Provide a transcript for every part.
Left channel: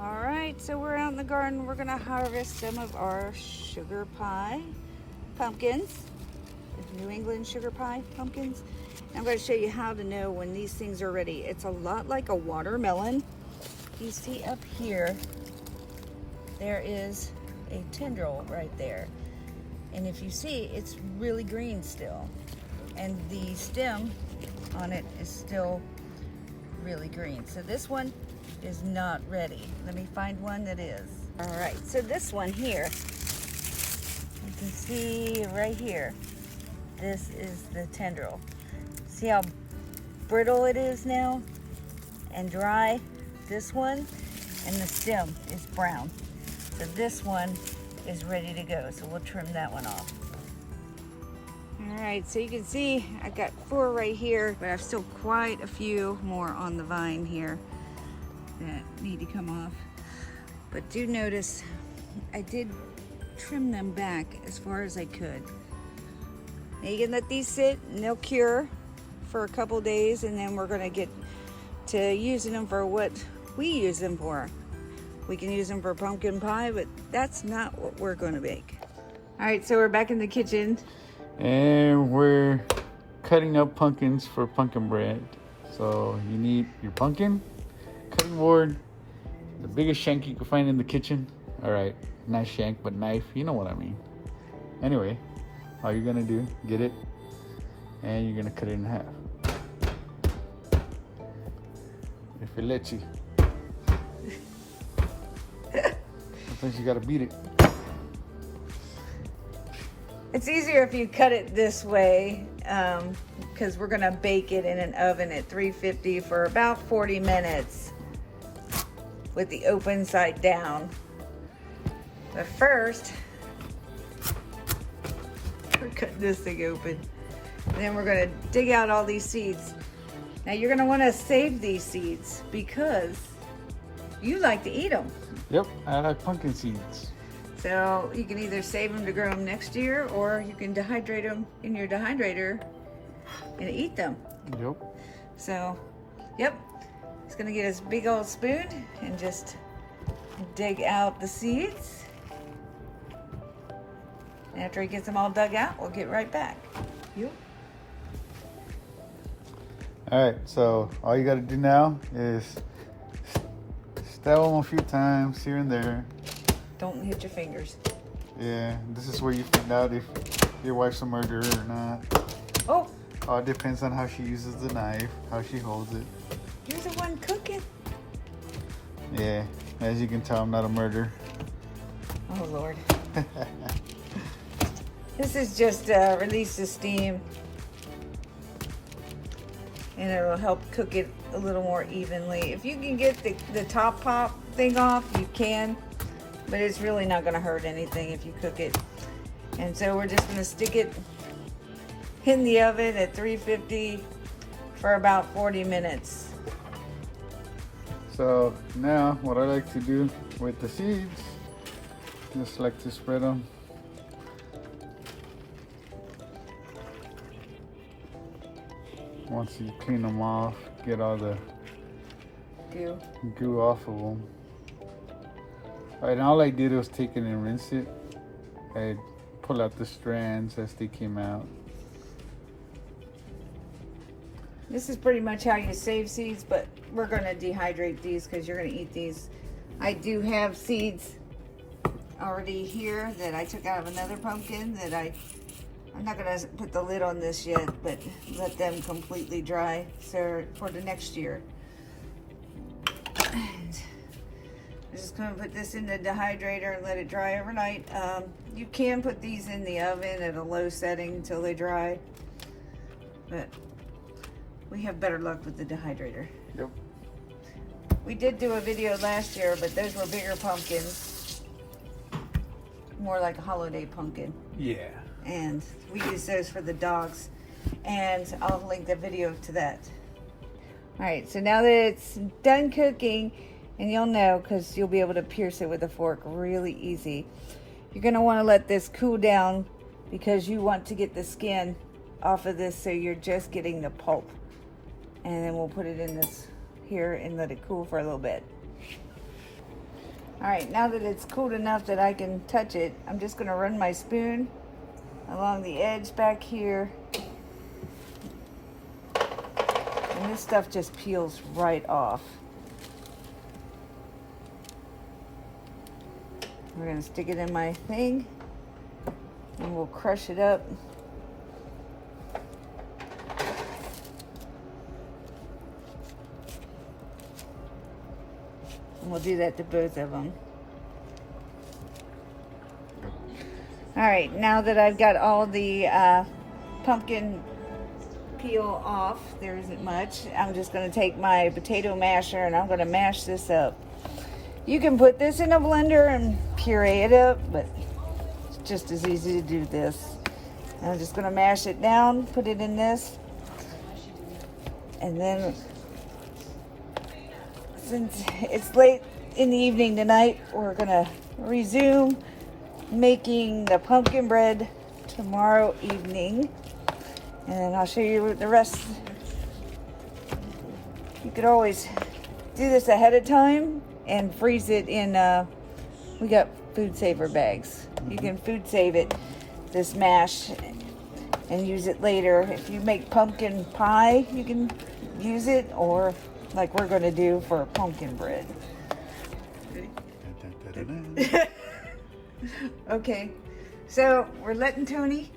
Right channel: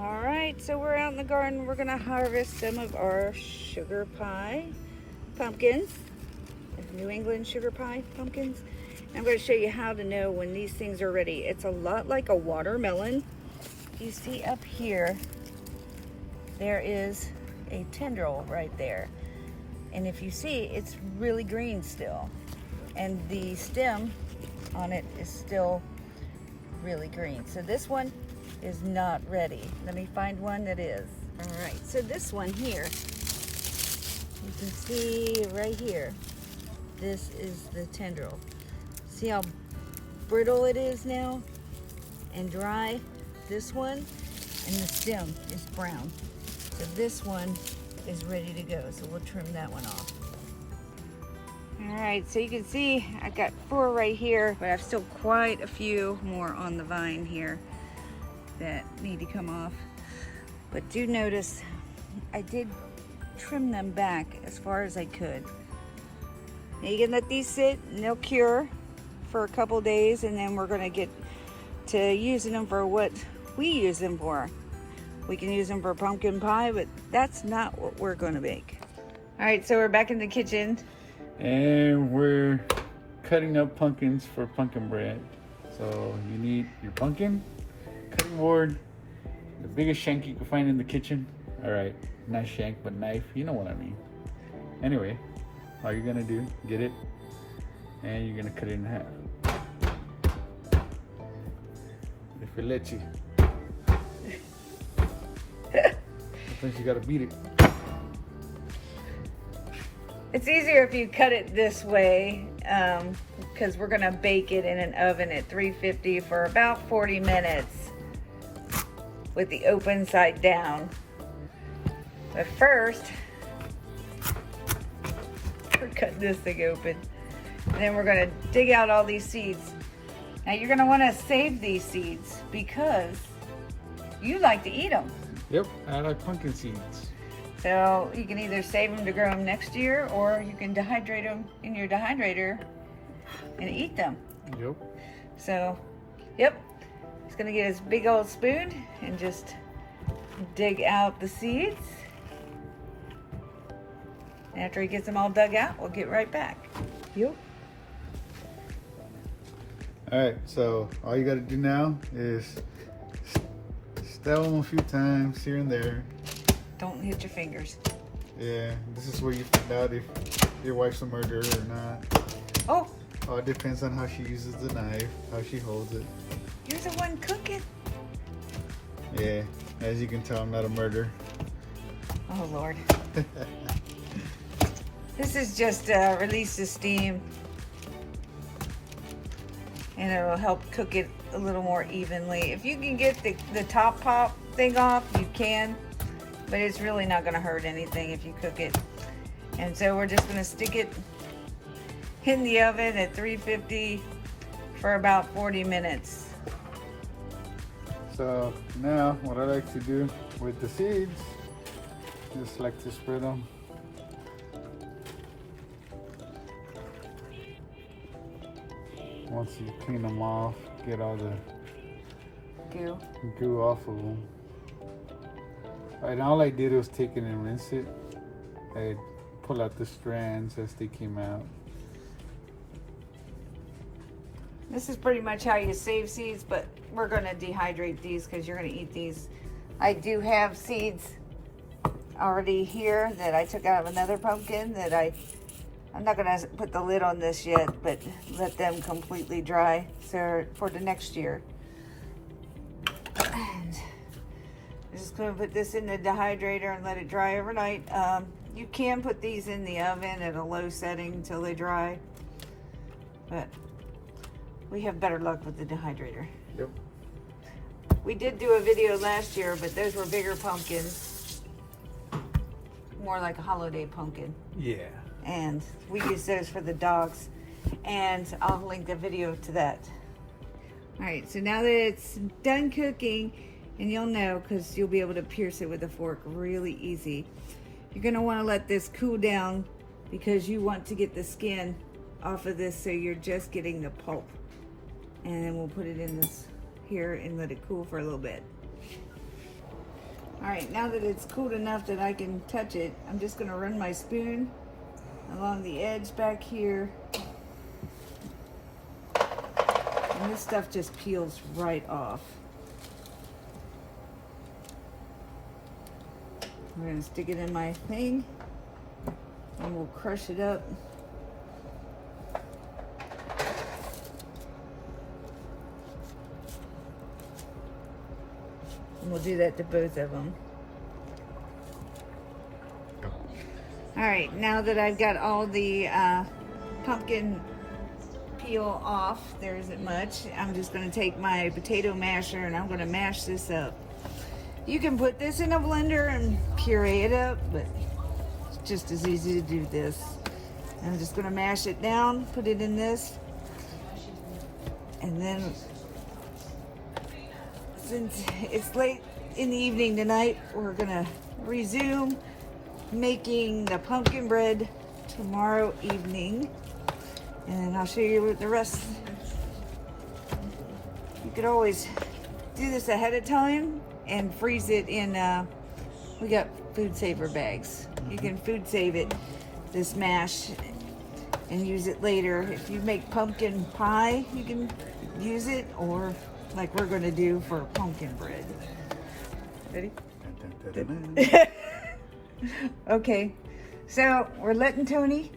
All right, so we're out in the garden. We're gonna harvest some of our sugar pie pumpkins, New England sugar pie pumpkins. I'm going to show you how to know when these things are ready. It's a lot like a watermelon. You see up here, there is a tendril right there. And if you see, it's really green still. And the stem on it is still really green. So this one is not ready. Let me find one that is. All right, so this one here, you can see right here, this is the tendril. See how brittle it is now and dry? This one, and the stem is brown. So this one is ready to go. So we'll trim that one off. All right, so you can see I got 4 right here, but I've still quite a few more on the vine here that need to come off. But do notice I did trim them back as far as I could. Now you can let these sit and they'll cure for a couple days, and then we're gonna get to using them for what we use them for. We can use them for pumpkin pie, but that's not what we're gonna make. All right, so we're back in the kitchen. And we're cutting up pumpkins for pumpkin bread. So you need your pumpkin, cutting board, the biggest shank you can find in the kitchen. All right, not shank, but knife, you know what I mean. Anyway, all you're gonna do, get it, and you're gonna cut it in half. If it lets you. Sometimes you gotta beat it. It's easier if you cut it this way because we're gonna bake it in an oven at 350 for about 40 minutes with the open side down. But first, we're cutting this thing open. And then we're gonna dig out all these seeds. Now you're gonna wanna save these seeds because you like to eat them. Yep, I like pumpkin seeds. So you can either save them to grow them next year, or you can dehydrate them in your dehydrator and eat them. Yep. So, yep, he's gonna get his big old spoon and just dig out the seeds. And after he gets them all dug out, we'll get right back. Yep. All right, so all you gotta do now is stab them a few times here and there. Don't hit your fingers. Yeah, this is where you find out if your wife's a murderer or not. Oh! All depends on how she uses the knife, how she holds it. You're the one cooking. Yeah, as you can tell, I'm not a murderer. Oh, Lord. This is just release the steam. And it'll help cook it a little more evenly. If you can get the top pop thing off, you can. But it's really not gonna hurt anything if you cook it. And so we're just gonna stick it in the oven at 350 for about 40 minutes. So now what I like to do with the seeds, just like to spread them. Once you clean them off, get all the goo off of them. Right, and all I did was take it and rinse it and pull out the strands as they came out. This is pretty much how you save seeds, but we're gonna dehydrate these because you're gonna eat these. I do have seeds already here that I took out of another pumpkin that I'm not gonna put the lid on this yet, but let them completely dry so for the next year. And I'm just gonna put this in the dehydrator and let it dry overnight. You can put these in the oven at a low setting until they dry, but we have better luck with the dehydrator. Yep. We did do a video last year, but those were bigger pumpkins, more like a holiday pumpkin. Yeah. And we use those for the dogs, and I'll link the video to that. All right, so now that it's done cooking, and you'll know because you'll be able to pierce it with a fork really easy, you're gonna wanna let this cool down because you want to get the skin off of this so you're just getting the pulp. And then we'll put it in this here and let it cool for a little bit. All right, now that it's cooled enough that I can touch it, I'm just gonna run my spoon along the edge back here. And this stuff just peels right off. We're gonna stick it in my thing and we'll crush it up. And we'll do that to both of them. All right, now that I've got all the pumpkin peel off, there isn't much, I'm just gonna take my potato masher and I'm gonna mash this up. You can put this in a blender and puree it up, but it's just as easy to do this. And I'm just gonna mash it down, put it in this, and then since it's late in the evening tonight, we're gonna resume making the pumpkin bread tomorrow evening, and I'll show you the rest. You could always do this ahead of time and freeze it in, we got food saver bags. You can food save it, this mash, and use it later. If you make pumpkin pie, you can use it, or like we're gonna do for pumpkin bread. Ready? Okay, so we're letting Tony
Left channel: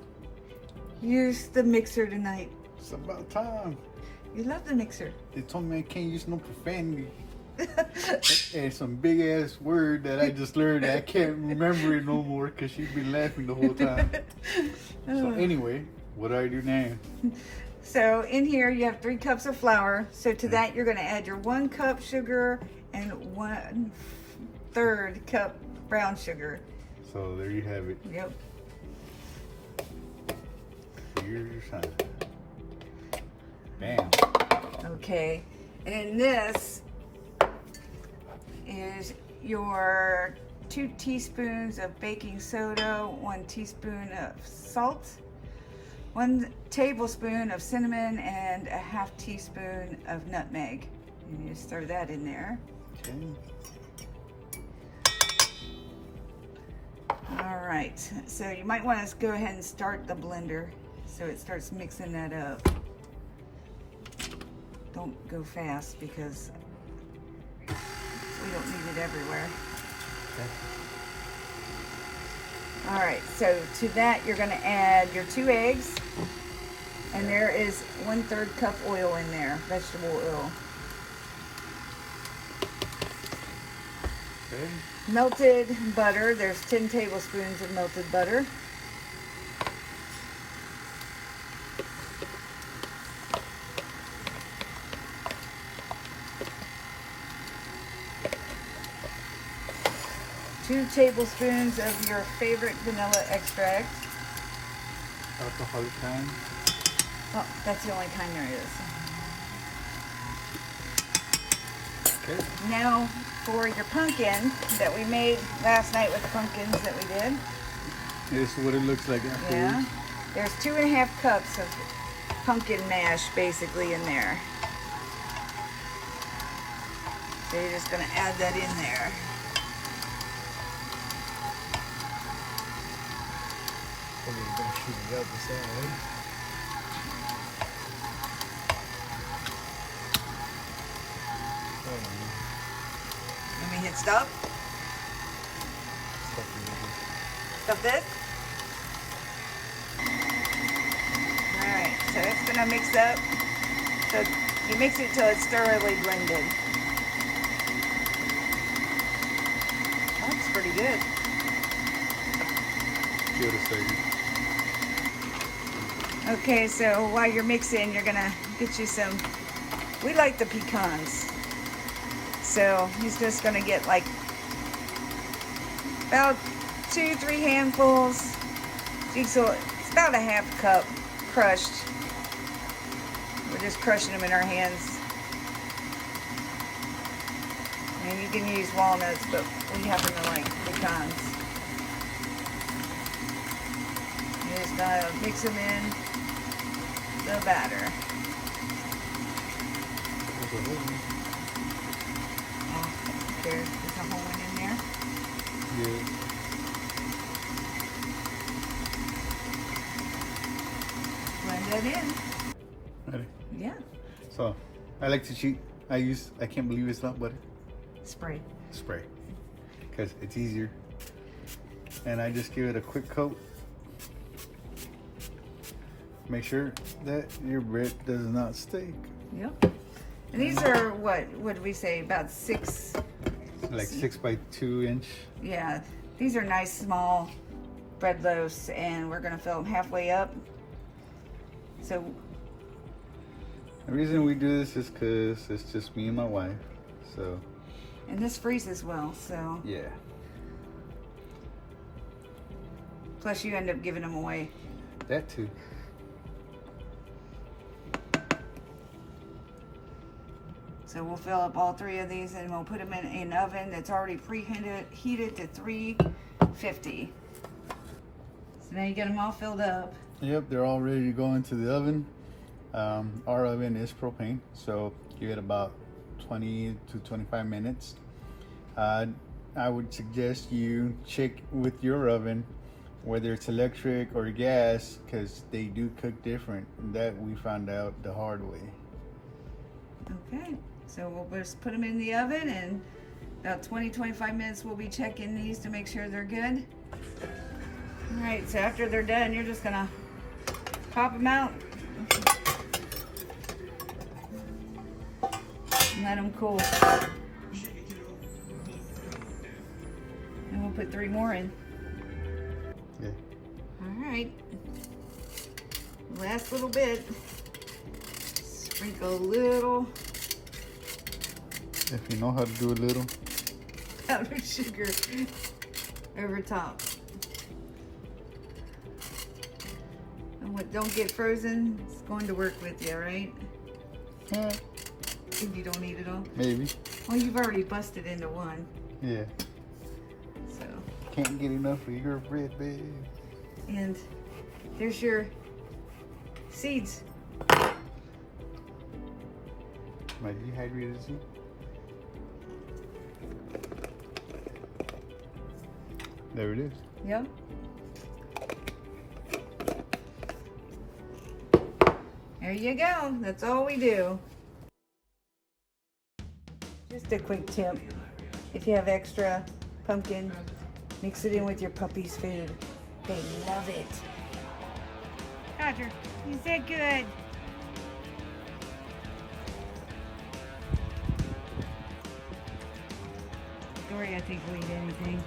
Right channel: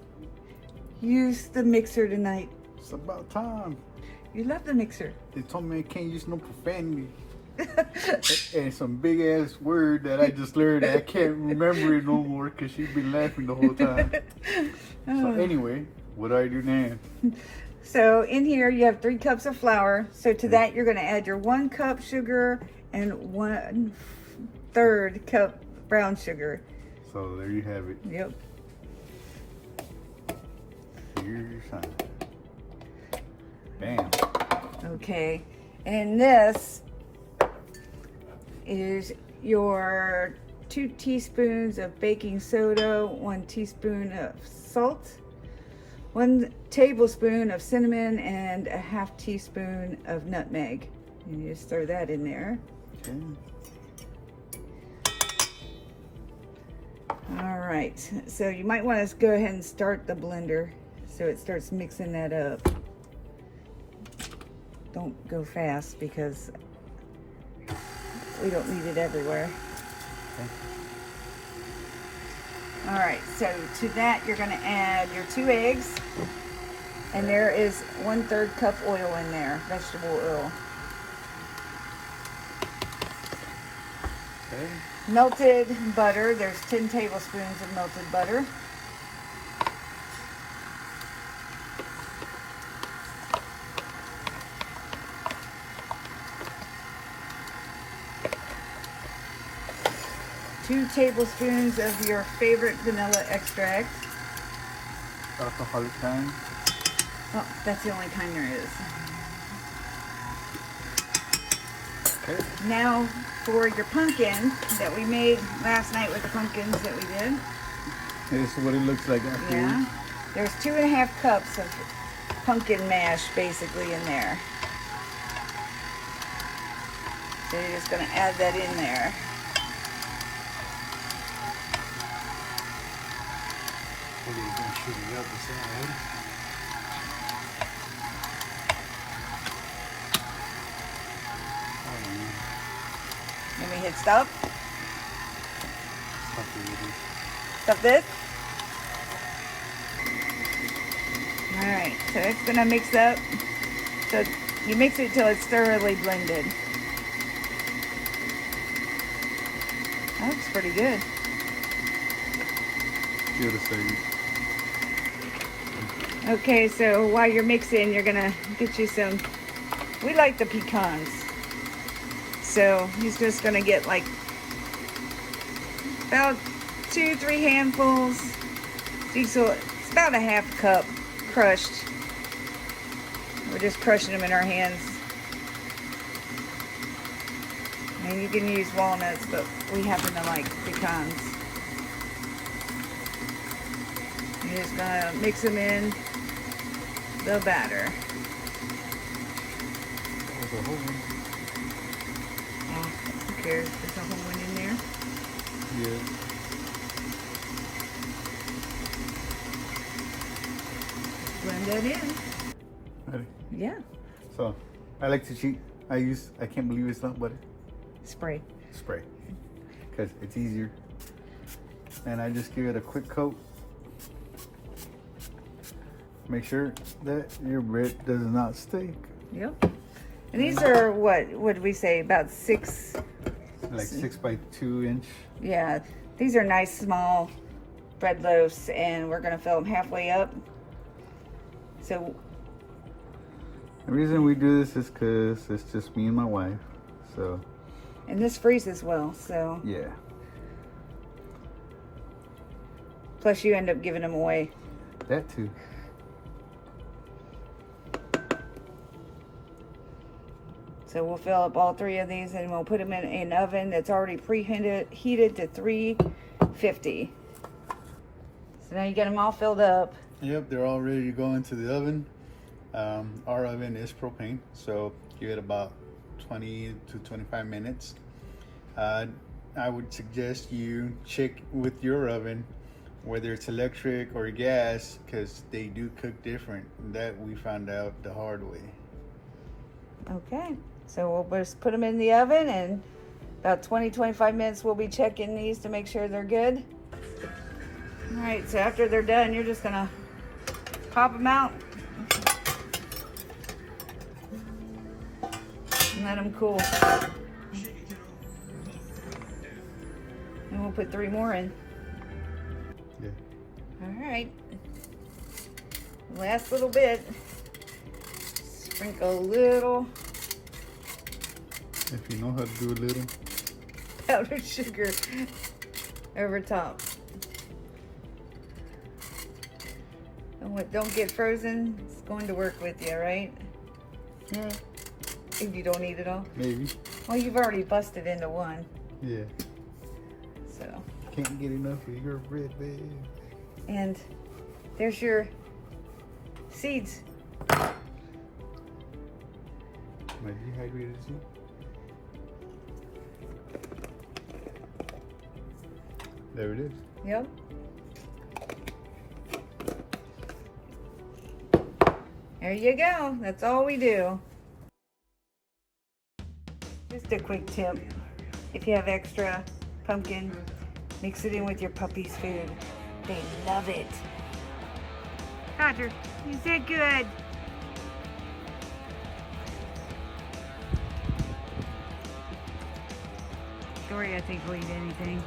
use the mixer tonight. It's about time. You love the mixer. They told me I can't use no profanity. And some big ass word that I just learned. I can't remember it no more because she's been laughing the whole time. So anyway, what do I do now? So in here you have 3 cups of flour. So to that you're going to add your 1 cup sugar and 1/3 cup brown sugar. So there you have it. Yep. Here's your sign. Bam. Okay, and this is your 2 teaspoons of baking soda, 1 teaspoon of salt, 1 tablespoon of cinnamon, and a 1/2 teaspoon of nutmeg. And you just throw that in there. Okay. All right, so you might want to go ahead and start the blender so it starts mixing that up. Don't go fast because we don't need it everywhere. All right, so to that you're gonna add your 2 eggs, and there is 1/3 cup oil in there, vegetable oil. Okay. Melted butter, there's 10 tablespoons of melted butter. Two tablespoons of your favorite vanilla extract. Alcoholic kind. Oh, that's the only kind there is. Okay. Now for your pumpkin that we made last night with the pumpkins that we did. This is what it looks like afterwards. Yeah. There's 2.5 cups of pumpkin mash basically in there. So you're just gonna add that in there. We're gonna shoot it up the same way. Let me hit stop. Stop it over. Stop this. Alright, so it's gonna mix up. So you mix it till it's thoroughly blended. That's pretty good. Give it a second. Okay, so while you're mixing, you're gonna get you some, we like the pecans. So he's just gonna get like about 2-3 handfuls. So it's about a 1/2 cup crushed. We're just crushing them in our hands. And you can use walnuts, but we happen to like pecans. You're just gonna mix them in the batter. Who cares? There's a whole one in there. can. Ready? Yeah. So, I like to cheat. I can't believe it's not butter. Spray. Spray. Because it's easier. And I just give it a quick coat. Make sure that your bread does not stick. Yep. And these are what did we say? About 6. Like 6 by 2 inch. Yeah. These are nice small bread loaves, and we're gonna fill them halfway up. So The reason we do this is because it's just me and my wife. So. And this freezes well, so. Yeah. Plus you end up giving them away. That too. So we'll fill up all 3 of these and we'll put them in an oven that's already preheated to 350. So now you get them all filled up. Yep, they're all ready to go into the oven. Our oven is propane, so give it about 20 to 25 minutes. I would suggest you check with your oven, whether it's electric or gas, because they do cook different. That we found out the hard way. Okay, so we'll just put them in the oven, and about 20-25 minutes we'll be checking these to make sure they're good. All right, so after they're done, you're just gonna pop them out and let them cool. And we'll put 3 more in. Yeah. All right, last little bit. Sprinkle a little If you know how to do a little. powdered sugar over top. And what don't get frozen, it's going to work with you, right? Yeah, If you don't eat it all. maybe. Well, you've already busted into one, Yeah. so. Can't get enough of your bread, babe. And there's your seeds. My dehydrated soup. There it is. Yep. There you go. That's all we do. Just a quick tip. If you have extra pumpkin, mix it in with your puppy's food. They love it. Roger, you said good. Dory, I think, will eat anything.